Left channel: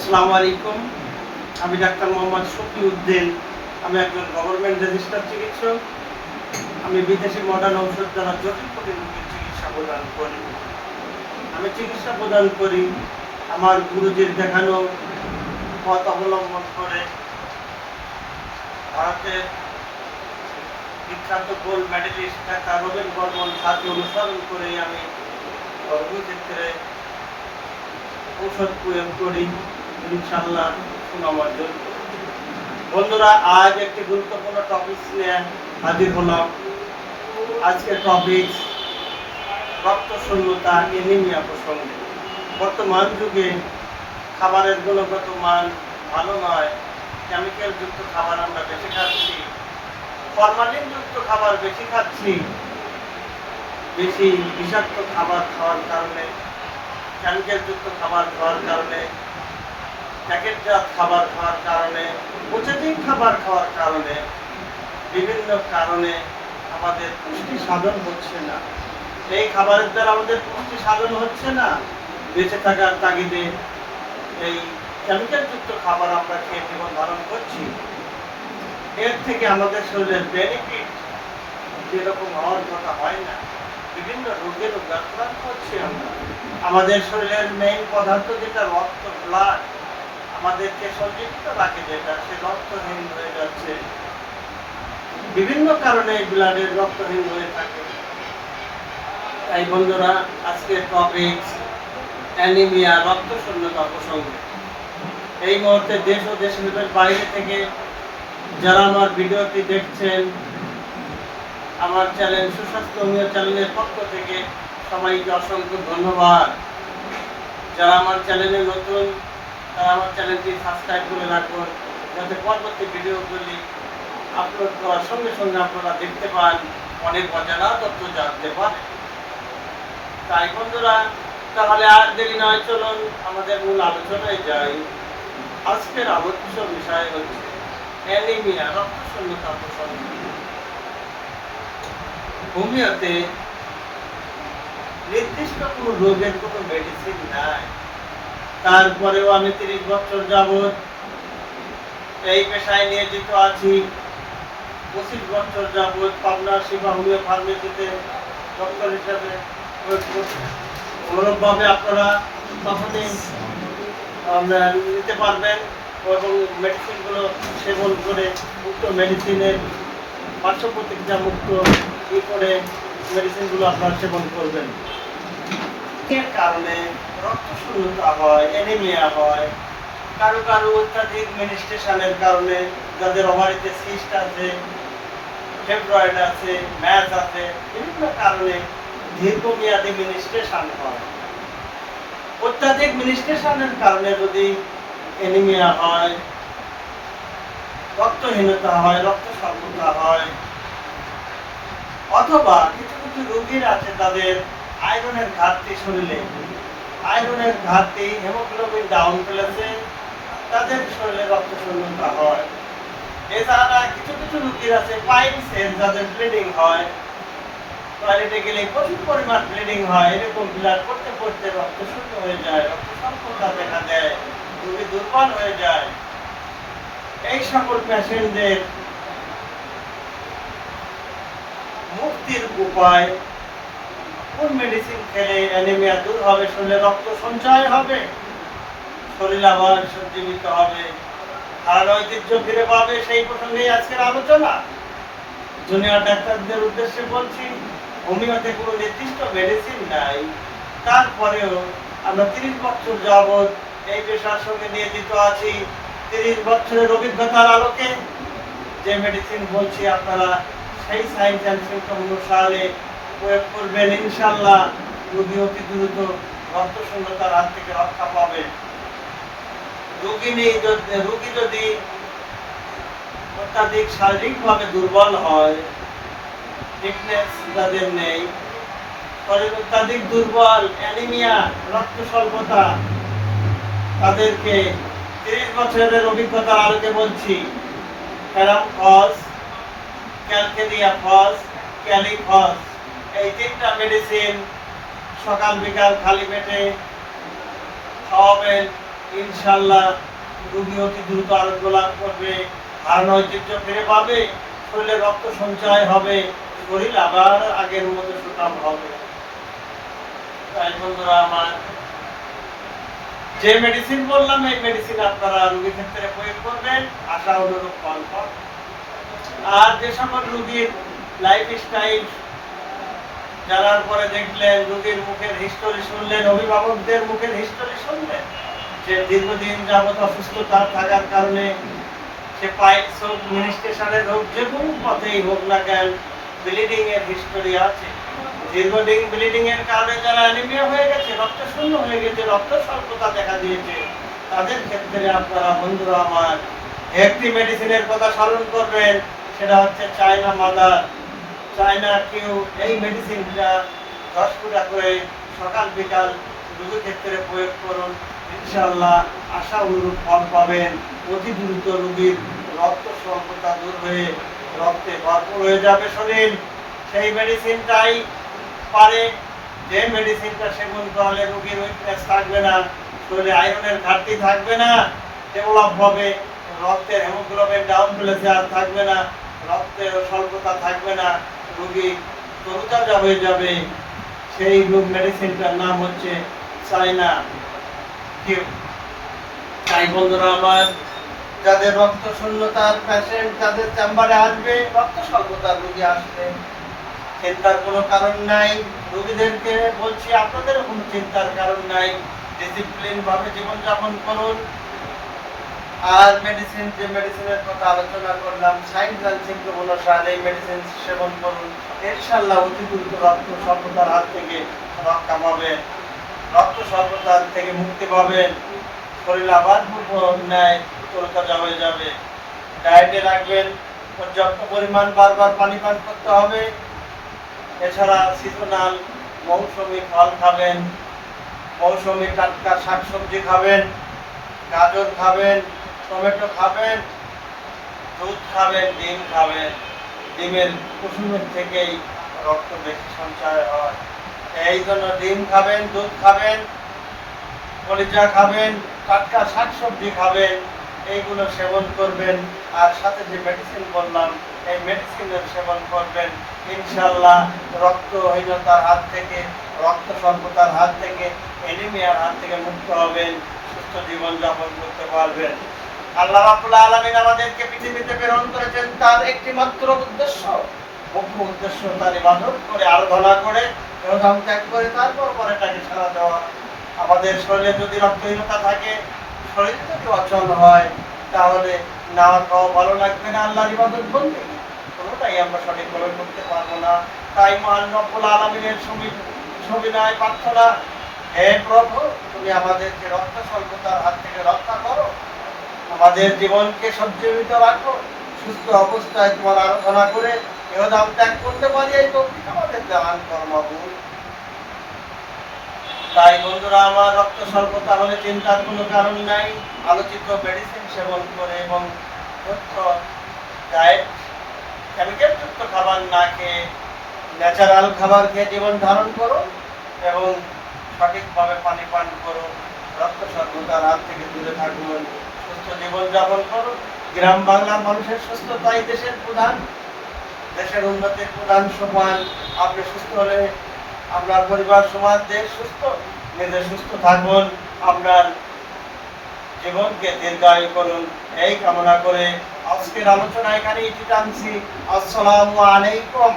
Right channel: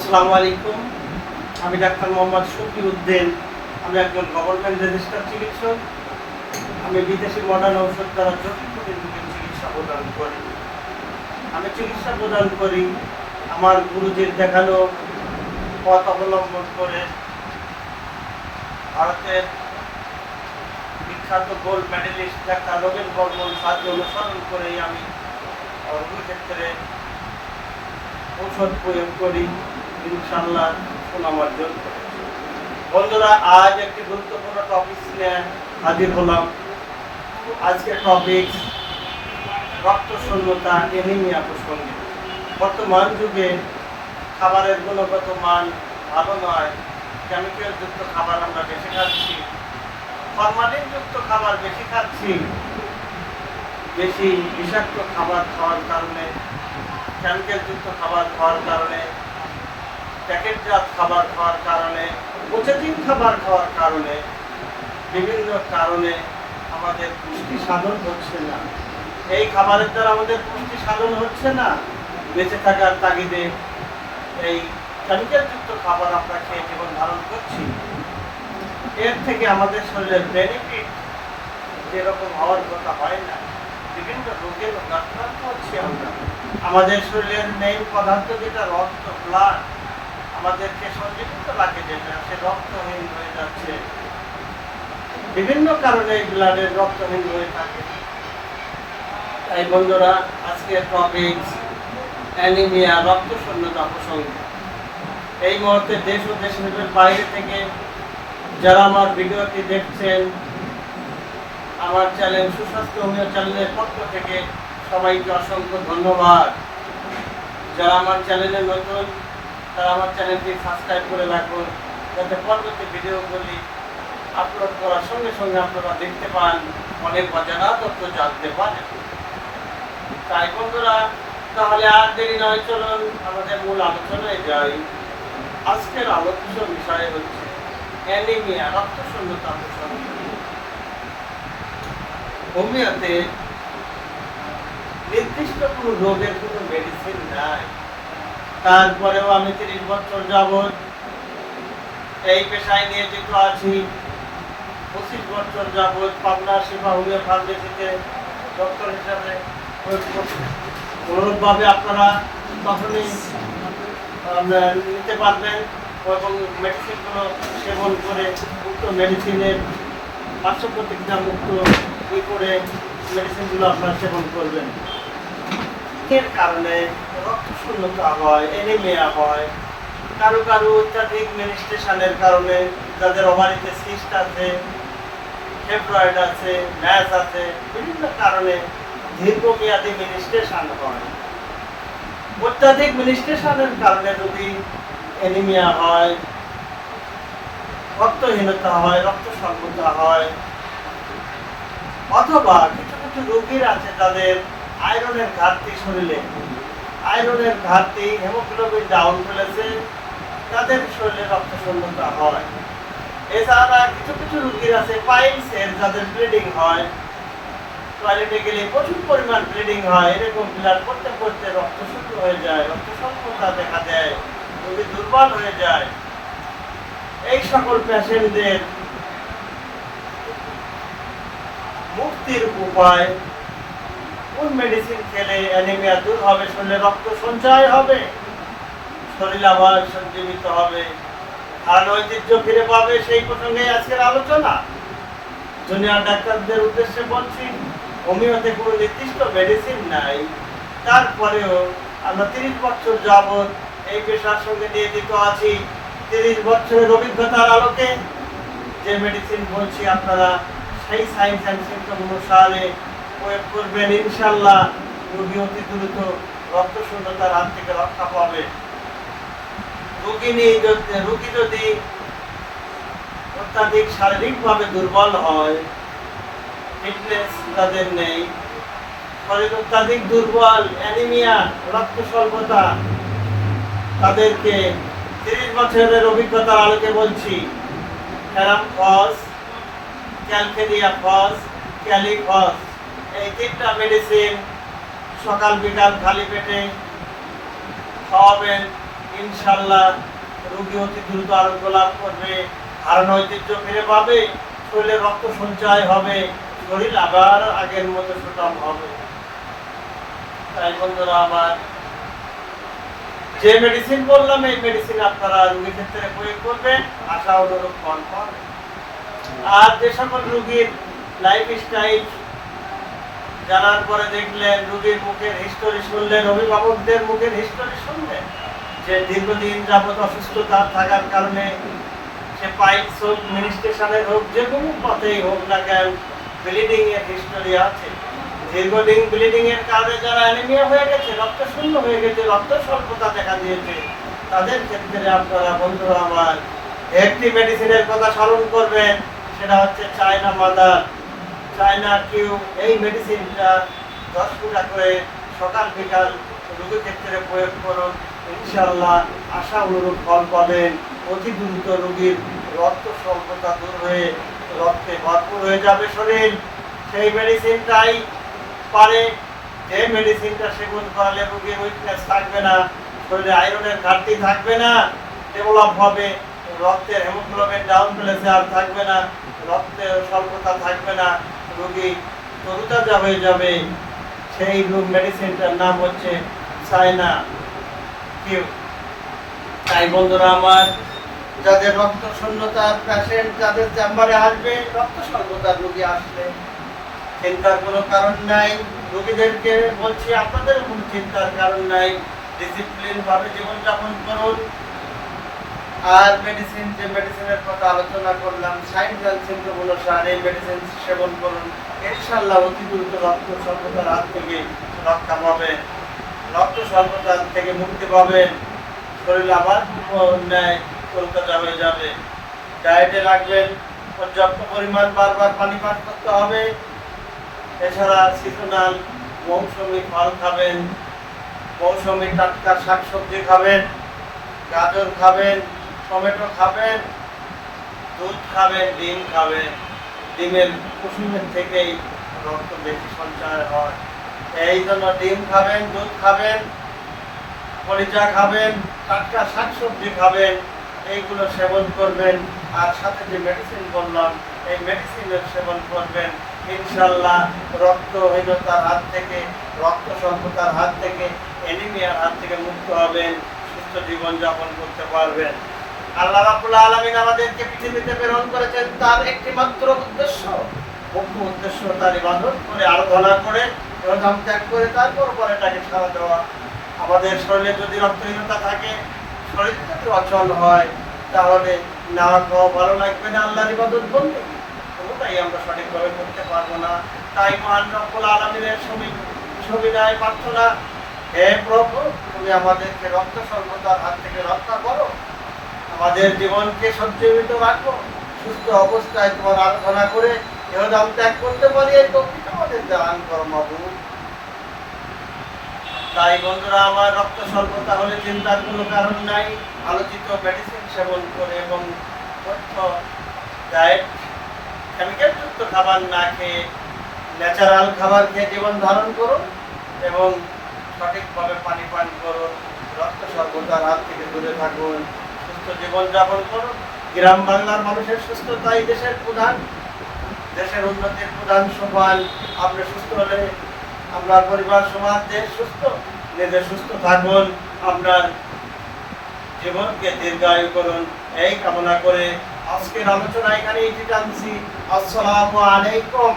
আসসালামু আলাইকুম। আমি ডাক্তার মোহাম্মদ শফিউদ্দিন। আমি একজন গভর্নমেন্ট রেজিস্টার্ড চিকিৎসক। আমি বিদেশি মডার্ন ঔষধ দ্বারা জটিল জটিল রোগের চিকিৎসা প্রদান করি। আমার গুরুজির দেখানো পথ অবলম্বন করে ভারতের বিখ্যাত গোল্ড মেডেলিস্ট ডাক্তার রবীন বর্মন স্যারকে অনুসরণ করেই আমি রোগী ক্ষেত্রে ঔষধ প্রয়োগ করি। ইনশাআল্লাহ সুনাম অর্জন করি। বন্ধুরা, আজ একটি গুরুত্বপূর্ণ টপিক নিয়ে হাজির হলাম। আজকের টপিক রক্ত শূন্যতা, অ্যানিমিয়া প্রসঙ্গে। বর্তমান যুগে খাবারের গুণগত মান ভালো নয়। কেমিক্যাল যুক্ত খাবার আমরা বেশি খাচ্ছি, ফরমালিন যুক্ত খাবার বেশি খাচ্ছি। বেশি বিষাক্ত খাবার খাওয়ার কারণে, কেমিক্যাল যুক্ত খাবার খাওয়ার কারণে, প্যাকেটজাত খাবার খাওয়ার কারণে, প্রসেসিং খাবার খাওয়ার কারণে, বিভিন্ন কারণে আমাদের পুষ্টি সাধন হচ্ছে না। এই খাবারের দ্বারা আমাদের পুষ্টি সাধন হচ্ছে না। বেঁচে থাকার তাগিদে এই কেমিক্যাল যুক্ত খাবার আমরা খেয়ে জীবন ধারণ করছি। এর থেকে আমাদের শরীরের বেনিফিট যেরকম হওয়ার কথা হয় না। বিভিন্ন রোগের আক্রান্ত হচ্ছি আমরা। আমাদের শরীরের মেইন পদার্থ যেটা রক্ত, ব্লাড, আমাদেরকে সঞ্জীবিত রাখে যেটা, সে রক্তহীন হয়ে যাচ্ছে। বিভিন্ন কারণে ব্লাডের রক্তহীন হয়ে থাকে। তাই বন্ধুরা, আজকে টপিক অ্যানিমিয়া, রক্ত শূন্যতা প্রসঙ্গে। এই মুহূর্তে দেশ ও দেশের বাইরে থেকে যারা আমার ভিডিওটি দেখছেন, আমার চ্যানেল সুস্বাস্থ্য হোমিও চ্যানেলের পক্ষ থেকে সবাইকে অসংখ্য ধন্যবাদ। যারা আমার চ্যানেলে নতুন, তারা আমার চ্যানেলটি সাবস্ক্রাইব করে রাখুন, যাতে পরবর্তী ভিডিওগুলি আপলোড করার সঙ্গে সঙ্গে আপনারা দেখতে পান, অনেক অজানা তথ্য জানতে পারেন। তাই বন্ধুরা, তাহলে আর দেরি নয়, চলুন আমাদের মূল আলোচনায় যাই। আজকের আলোচ্য বিষয় হচ্ছে অ্যানিমিয়া, রক্ত শূন্যতা প্রসঙ্গে। হোমিওতে নির্দিষ্ট কোনো রোগের কোনো মেডিসিন নাই। তারপরেও আমি 30 বছর যাবৎ এই পেশায় নিয়োজিত আছি। 25 বছর যাবৎ পাবনা শিবা হোমিও ফার্মেসিতে ডক্টর হিসাবে গৌরবভাবে আপনারা তখনই নিতে পারবেন এবং মেডিসিনগুলো সেবন করে উক্ত মেডিসিনের পার্শ্ব প্রতিক্রিয়া মুক্ত করে মেডিসিনগুলো আপনারা সেবন করবেন। এর কারণে রক্ত শূন্যতা হয়, অ্যানিমিয়া হয়। কারো কারো অত্যাধিক মেনিস্ট্রেশনের কারণে, যাদের ওভারিতে সিস্ট আছে, ফেব্রয়েড আছে, ম্যাস আছে, বিভিন্ন কারণে দীর্ঘমেয়াদী মেনিস্ট্রেশন হয়। অত্যাধিক মেনিস্ট্রেশনের কারণে যদি অ্যানিমিয়া হয়, রক্তহীনতা হয়, রক্ত স্বল্পতা হয়, অথবা কিছু কিছু রোগীর আছে তাদের আয়রনের ঘাটতি, শরীরে আয়রনের ঘাটতি, হেমোগ্লোবিন ডাউন ফেলেছে, তাদের শরীরে রক্ত শূন্যতা হয়। এছাড়া কিছু কিছু রোগীর আছে পাইলসের, যাদের ব্লিডিং হয়, টয়লেটে গেলে প্রচুর পরিমাণ ব্লিডিং হয়। এরকম ব্লাড করতে করতে রক্ত শূন্য হয়ে যায়, রক্ত স্বল্পতা দেখা দেয়, রোগী দুর্বল হয়ে যায়। এই সকল পেশেন্টদের মুক্তির উপায়, কোন মেডিসিন খেলে অ্যানিমিয়া দূর হবে, শরীরে রক্ত সঞ্চয় হবে, শরীর আবার সঞ্জীবিত হবে, আর ঐতিহ্য ফিরে পাবে, সেই প্রসঙ্গে আজকের আলোচনা। জুনিয়র ডাক্তারদের উদ্দেশ্যে বলছি, হোমিওতে কোনো নির্দিষ্ট মেডিসিন নাই। তারপরেও আমরা 30 বছর যাবৎ এই পেশার সঙ্গে নিয়োজিত আছি। 30 বছরের অভিজ্ঞতার আলোকে যে মেডিসিন বলছি, আপনারা সেই সায়েন্স অ্যান্ড সিম্পটম অনুসারে প্রয়োগ করবেন। ইনশাআল্লাহ রোগী অতি দ্রুত রক্ত শূন্যতার হাত থেকে রক্ষা পাবে। রোগী যদি অত্যাধিক শারীরিকভাবে দুর্বল হয়, ফিটনেস যাদের নেই, শরীর অত্যাধিক দুর্বল, অ্যানিমিয়া, রক্ত স্বল্পতা, তাদেরকে 30 বছরের অভিজ্ঞতার আলোকে বলছি, ফেরাম ফস, ক্যালকেরিয়া ফস, ক্যালিফস, এই 3টা মেডিসিন সকাল বিকাল খালি পেটে খাওয়াবেন। ইনশাল্লাহ রোগী অতি দ্রুত আরোগ্য লাভ করবে, হারানো ঐতিহ্য ফিরে পাবে, শরীরে রক্ত সঞ্চয় হবে, শরীর আবার আগের মতো সুঠাম হবে। তাই বন্ধুরা আমার, যে মেডিসিন বললাম এই মেডিসিন আপনারা রোগীর ক্ষেত্রে প্রয়োগ করবেন, আশা অনুরূপ ফল পাবেন। আর যে সকল রোগীর লাইফস্টাইল জানার পরে দেখলেন, রোগীর মুখের হিস্টোরি শুনলেন, অভিভাবকদের মুখের হিস্টোরি শুনলেন যে দীর্ঘদিন যাবত অসুস্থতা থাকার কারণে সে পাইলস হোক, মিনিস্ট্রেশনের হোক, যে কোনো পথেই হোক না কেন ব্লিডিং এর হিস্টোরি আছে। দীর্ঘদিন ব্লিডিং এর কারণে যারা অ্যানিমিয়া হয়ে গেছে, রক্ত শূন্য হয়ে গেছে, রক্ত স্বল্পতা দেখা দিয়েছে, তাদের ক্ষেত্রে আপনারা বন্ধুরা আমার একটি মেডিসিনের কথা স্মরণ করবেন, সেটা হচ্ছে চায়না মাদার, চায়না কিউ। এই মেডিসিনটা 10 ফুটা করে সকাল বিকাল রোগীর ক্ষেত্রে প্রয়োগ করুন, ইনশাল্লাহ আশা অনুরূপ ফল পাবেন। অতি দ্রুত রোগীর রক্ত স্বল্পতা দূর হয়ে রক্তে ভরপুর হয়ে যাবে শরীর। সেই মেডিসিনটাই পারে, যে মেডিসিনটা সেবন করালে রোগীর উইকনেস থাকবে না, শরীরে আয়রনের ঘাটতি থাকবে না, ডেভেলপ হবে, রক্তের হিমোগ্লোবিন ডাউন প্লেসে আর থাকবে না, রক্তের স্বল্পতা থাকবে না, রোগী তরুতাজা হয়ে যাবে। সেই রোগ মেডিসিনটার নাম হচ্ছে চায়না কিউ। তাই বন্ধুরা আমার, যাদের রক্ত শূন্যতার পেশেন্ট, যাদের চেম্বারে আসবে রক্ত স্বল্পতার রোগী আসবে, চিন্তার কোনো কারণ নাই। রোগীদেরকে বলছি আপনাদেরও কোনো চিন্তার কারণ নাই, ডিসিপ্লিন ভাবে জীবনযাপন করুন। আর মেডিসিন, যে মেডিসিনের কথা আলোচনা করলাম, সাইড জানসিংকে অনুসারে এই মেডিসিন সেবন করুন, ইনশাআল্লাহ অতি দ্রুত রক্ত স্বল্পতার হাত থেকে রক্ষা পাবেন, রক্ত স্বল্পতার থেকে মুক্তি পাবেন, শরীর আবার ন্যায় তরতাজা হয়ে যাবে। ডায়েটে রাখবেন, পর্যাপ্ত পরিমাণ বারবার পানি পান করতে হবে। এছাড়া সিজনাল মৌসুমি ফল খাবেন, মৌসুমি টাটকা শাকসবজি খাবেন, গাজর খাবেন, টমেটো খাবেন, দুধ খাবেন, ডিম খাবেন। ডিমের কুসুমের থেকেই রক্ত বেশি সঞ্চয় হয়, এই জন্য ডিম খাবেন, দুধ খাবেন, কলিজা খাবেন, টাটকা শাকসবজি খাবেন, এইগুলো সেবন করবেন। আর সাথে যে মেডিসিন বললাম এই মেডিসিনের সেবন করবেন, ইনশাল্লাহ রক্তহীনতার হাত থেকে, রক্ত স্বল্পতার হাত থেকে, অ্যানিমিয়ার হাত থেকে মুক্ত হবেন, সুস্থ জীবনযাপন করতে পারবেন। আল্লাহ রাব্বুল আলামিন আমাদেরকে পৃথিবীতে প্রেরণ করেছেন তার একটি মাত্র উদ্দেশ্য, মুখ্য উদ্দেশ্য তার ইবাদত করে, আরাধনা করে, ইহধাম ত্যাগ করে তারপর পরেটাকে ছাড়া দেওয়া। আমাদের শরীরে যদি রক্তহীনতা থাকে, শরীর যদি অচল হয়, তাহলে নাওয়া খাওয়া ভালো লাগবে না, আল্লাহর ইবাদত বলতে কোনোটাই আমরা সঠিকভাবে করতে পারবো না। তাই মহান রব্বুল আলামিনের সবিনয় প্রার্থনা, হে প্রভু, তুমি আমাদেরকে রক্ত স্বল্পতার হাত থেকে রক্ষা করো, আমাদের জীবনকে সঞ্জীবিত রাখো, সুস্থ অবস্থায় তোমার আরাধনা করে ইহধাম ত্যাগ করতে পারি, এই তৌফিক আমাদের দান করো মাবুদ। তাই বন্ধুরা আমার, রক্ত স্বল্পতা হলে চিন্তার কোনো কারণ নাই। আলোচিত মেডিসিন সেবন করে এবং ডায়েট, কেমিক্যাল যুক্ত খাবার না খেয়ে ন্যাচারাল খাবার খেয়ে জীবন ধারণ করুন এবং সঠিকভাবে পানি পান করুন, রক্ত স্বল্পতার হাত থেকে দূরে থাকুন, সুস্থ জীবনযাপন করুন। গ্রাম বাংলার মানুষের সুস্থতাই দেশের প্রধান, দেশের উন্নতির প্রধান সোপান। আপনি সুস্থ হলে আপনার পরিবার, সমাজ, দেশ সুস্থ। নিজে সুস্থ থাকুন, আপনার জীবনকে দীর্ঘায়ু করুন, এই কামনা করে আজকের আলোচনা এখানেই টানছি। আসসালামু আলাইকুম।